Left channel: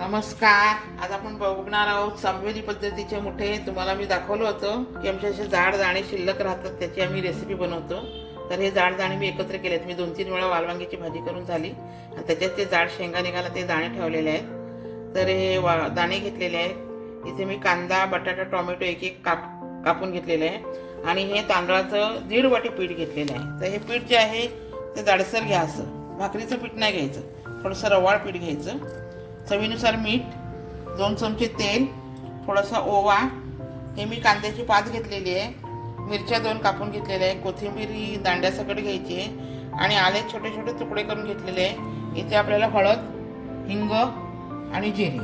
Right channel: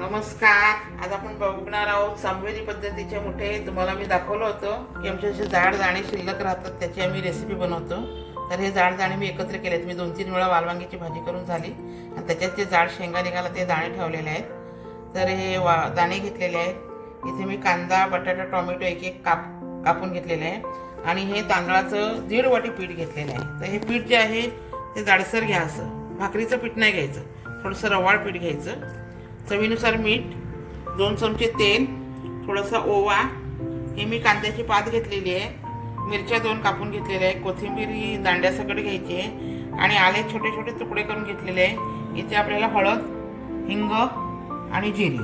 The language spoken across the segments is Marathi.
नमस्कार. आज आपण बघणार आहोत संवेदी पद्धतीचे मुठे. तुम्हाला मी दाखवलं होतं की आमचे असे जाड दाणे शिल्लक राहतात, त्याची आम्ही रेसिपी बनवतो. तर हे जाड दाणे मी एकत्र केलेत. मी 2-3 वेळा वालवांगीची भाजी करून झाली आणि त्याच्यात ते जाड शेंगा निघाला ते दाणे ठेवलेले आहेत. तर हे दाणे घेतलेले आहेत. इथे मी कांदा, बटाटा, टोमॅटो एक एक कापून घेतलेले आहे आणि हे तांदळाचं 1.5 वाटी पीठ घेतलेलं आहे. तर हे पीठ जे आहे ते जाडसर घ्या, असं भाकरीचं पीठ नाही घ्यायचं, थोडंसं रवाळ पीठ घ्यायचं. चवीनुसार मीठ, 2 चमचे तेल, थोडासा ओवा. हे मी कांद्याची पात घेतलेली आहे, मिरच्या 2 कापून घेतलेल्या आहे, कोथिंबीर ही दांड्यासकट घ्यायची आहे आणि आले छोटे छोटे तुकडे करून घेतलेले आहे. इथे आपल्याला हळद, हिंग आणि जिरे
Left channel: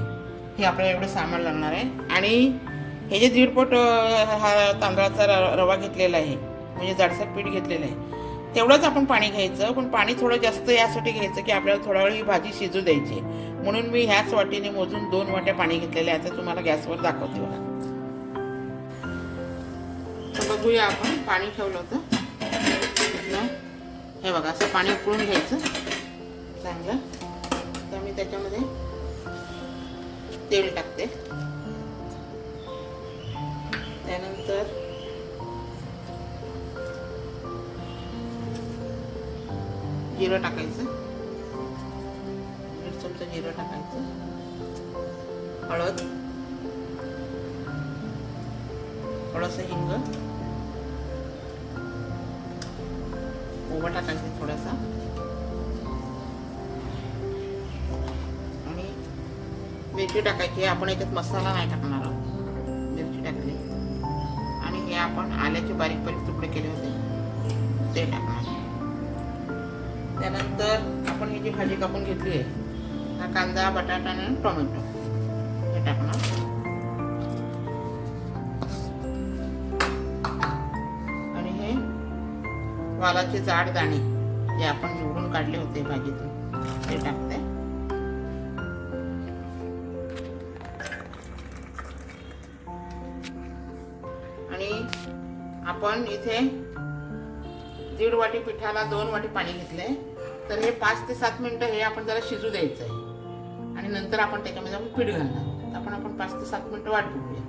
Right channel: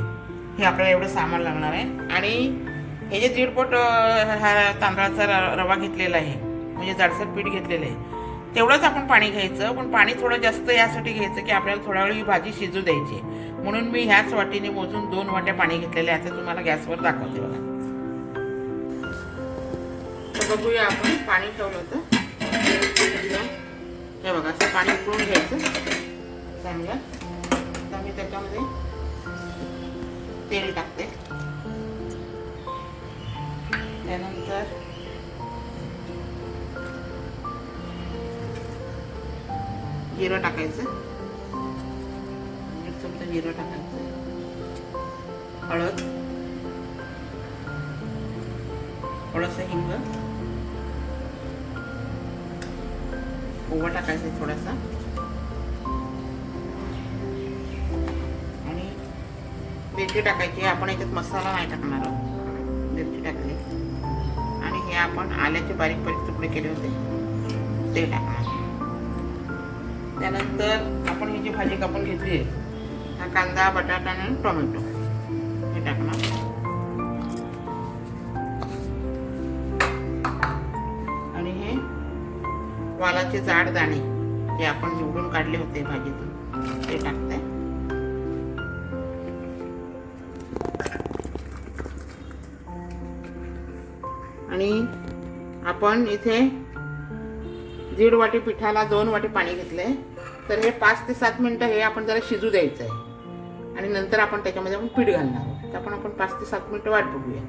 हे आपल्याला एवढं सामान लागणार आहे. आणि हे जे 1.5 पट हा तांदळाचा रवा घेतलेला आहे, म्हणजे जाडसर पीठ घेतलेलं आहे, तेवढंच आपण पाणी घ्यायचं. पण पाणी थोडं जास्त यासाठी घ्यायचं की आपल्याला थोडा वेळ ही भाजी शिजू द्यायची, म्हणून मी ह्याच वाटीने मोजून 2 वाट्या पाणी घेतलेले आहे. आता तुम्हाला गॅसवर दाखवते बघा. तर बघूया, आपण पाणी ठेवलं होतं, हे बघा असं पाणी उकळून घ्यायचं चांगलं. तर मी त्याच्यामध्ये तेल टाकते, त्यानंतर जिरं टाकायचं, 1 चमचा जिरं टाकायचं, हळद, थोडासा हिंग, ओवा टाकायचा थोडासा आणि मिरची टाकायची. आपण याच्यात मसाला नाही टाकणार आहोत, मिरची टाकली आणि हे आपण आल्याचे बारीक बारीक तुकडे केले होते ते टाकणार. त्यानंतर आपण ही जी भाजी कापून घेतली आहे, हा कांदा, बटाटा आणि टोमॅटो हे टाकणार. आणि हे वालाचे जाड दाणे जे आपण निवडून काढले होते भाजीतून ते टाकते. आणि आपण इथे 1.5 वाटी पिठाला 2 वाटी पाणी घेतलंय. तर हे 5 ते 7 मिनिटं हे आपण जरा शिजू द्यायचं आहे आणि नंतर आपण त्याच्यामध्ये आपण पीठ घालणार आहोत. तर आपण 5 ते 7 मिनिटं वाट बघूया.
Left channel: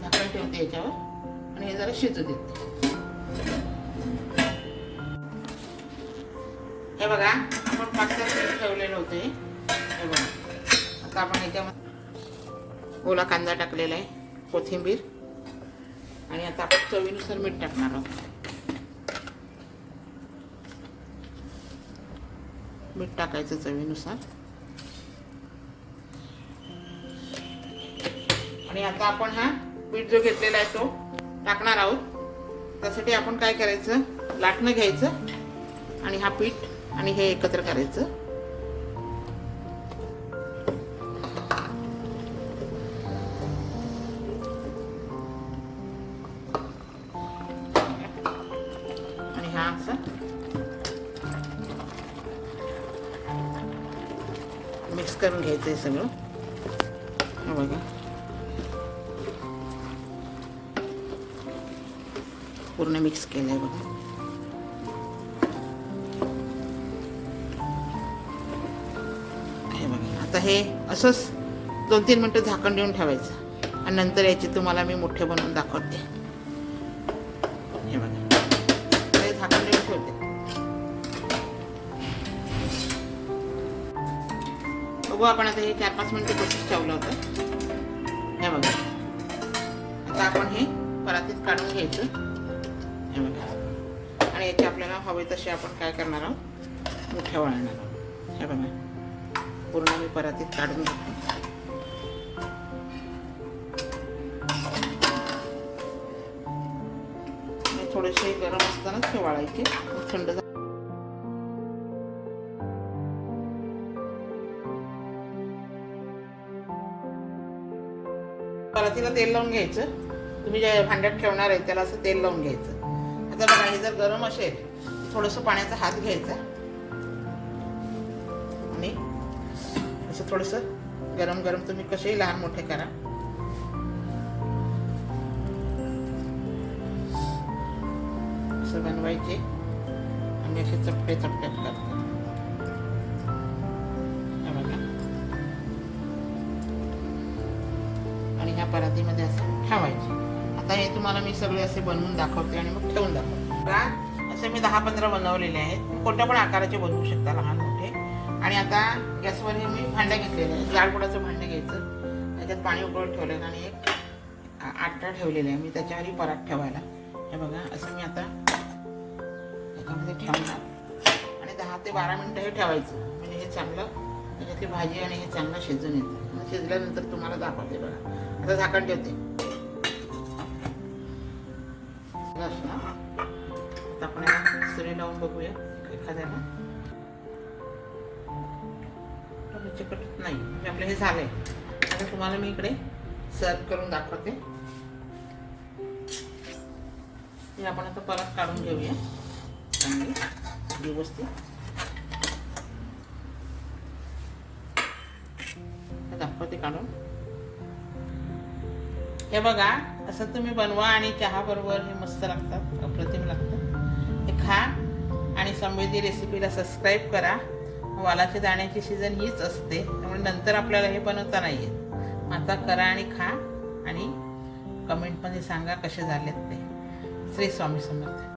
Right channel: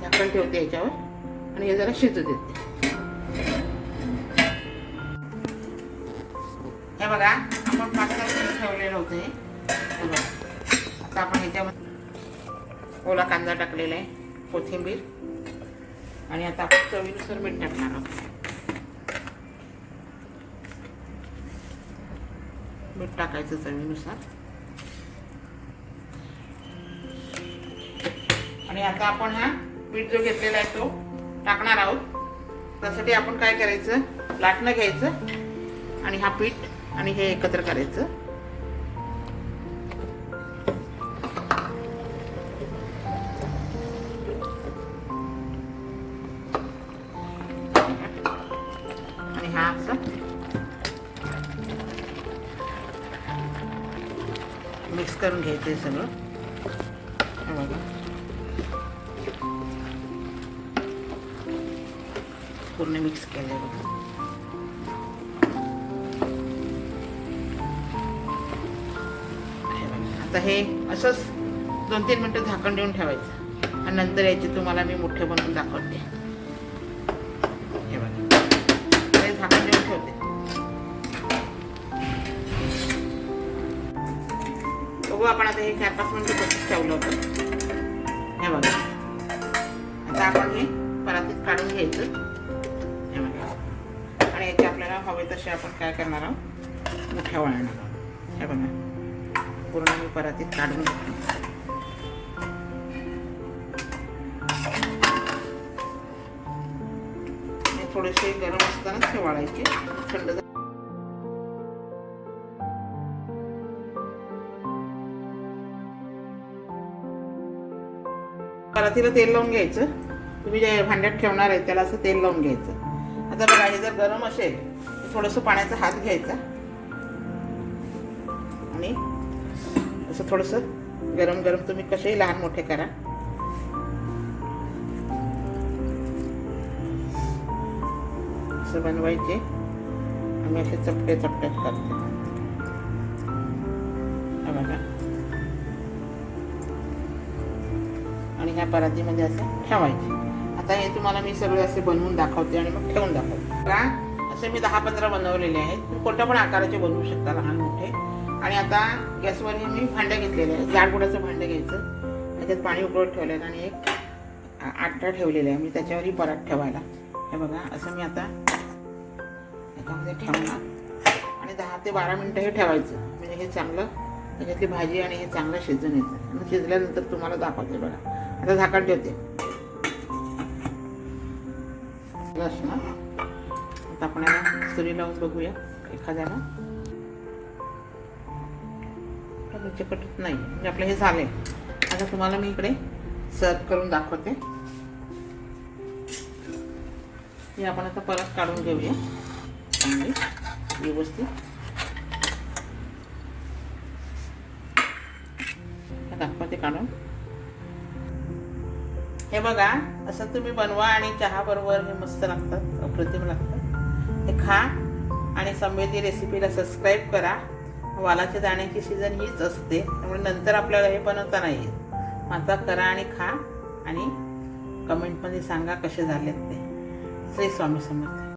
झाकण ठेवते याच्यावर आणि हे जरा शिजू देते. हे बघा, आपण 5-7 मिनिटं ठेवलेलं होते. हे बघा, आता आपण ह्याच्यामध्ये ओला कांदा टाकलेला आहे, कोथिंबीर, आणि आता आपण चवीनुसार मीठ टाकणार आहोत. मीठ टाकायचं चवीनुसार. आणि आता आपण हा पीठ जो घेतलेला आहे तो टाकणार आहोत. त्यासाठी आपण काय करायचं, लाटणं घ्यायचं आणि हा पीठ आणि हे एकत्र करायचं. आणि हा असा मिक्स करून घ्यायचं आहे सगळं. हे बघा, पूर्ण मिक्स केलंय बघा. हे बघा, आता हे असंच 2-3 मिनिटं झाकण देऊन ठेवायचं आणि नंतर याचे तुम्हाला मी मुठे बनवून दाखवते. हे बघा, हे झाकण देऊन ठेवते. बघू आपण आता हे 4-5 मिनिटं तसंच ठेवलं होतं. हे बघा, आता आपण हे परातीत काढून घ्यायचं. हे बघा, आणि याचे आपल्याला हवे तसे आपण काय करणार आहोत, मुठ्या वळणार आहोत. हे बघा, पूर्ण मी परातीत काढून घेतो. हे थोडेसे गरम असतानाच हे वाळायचे, थंड परातीला तेल लावून घ्यायचं. तुम्ही जे भांड्यात ठेवणार आहे त्याला असं तेल लावून घ्यायचं. आता बघा, हे जर गरम असेल तर थोडंसं पाण्याचा हात घ्यायचा आणि असं थोडंसं गरम गरम तुम्ही कसेही लहान मोठे करा. असं बनवायचे. आम्ही असे चपटे चपट्यात करतो. बघा, आणि ह्या परातीमध्ये असं ठेवायचे. आता हे तुम्हाला मी सगळे असे बनवून दाखवते आणि मग ठेवून दाखवते. बघा असे मी 10-15 बनवलेले आहेत. कोणत्या पण आकाराचे बनवू शकता, लहान मोठे. आणि आता गॅसवर हे मी भांडं घेतलेलं आहे. जाड बुडाचं भांडं घ्यायचं, त्याच्यात पाणी उकळत ठेवलेलं आणि एक आटा ठेवलेला आहे मी त्याच्यावरही परात ठेवायला. हे बघा असं मी आता याच्यामध्ये ठेवणार आणि 10 ते 12 मिनटं हे ठेवायचं. म्हणजे हे चांगलं त्याच्यातली भाजी आणि हे चांगलं शिजून येतं. मग शिजल्यानंतर तुम्हाला दाखवते. बघा आता झाकण ठेवते. आता आपण सुरी लावून बघूया एखाद्याला. चिकटत नाही म्हणजे आपलं हे झालंय. आता तुम्हाला मी इकडे सर्व करून दाखवते. हे आपण आता परत काढून घेऊया चांगली व्यवस्थित. दाखवते काढून. हे बघा असं तुम्ही बनवा आणि चहा बरोबर हे मस्त लागतात, अप्रतिम लागतात. हे खा आणि समृद्धी रेसिपीला सबस्क्राईब करा. वालाच्या दाण्याची सीझन हीच असते, त्यामुळे नंतर आपल्याला हे बनवता नाही येत. आता करा आणि खा आणि कमेंटमध्ये सांगा कसे झालेत ते. श्री स्वामी समर्थ.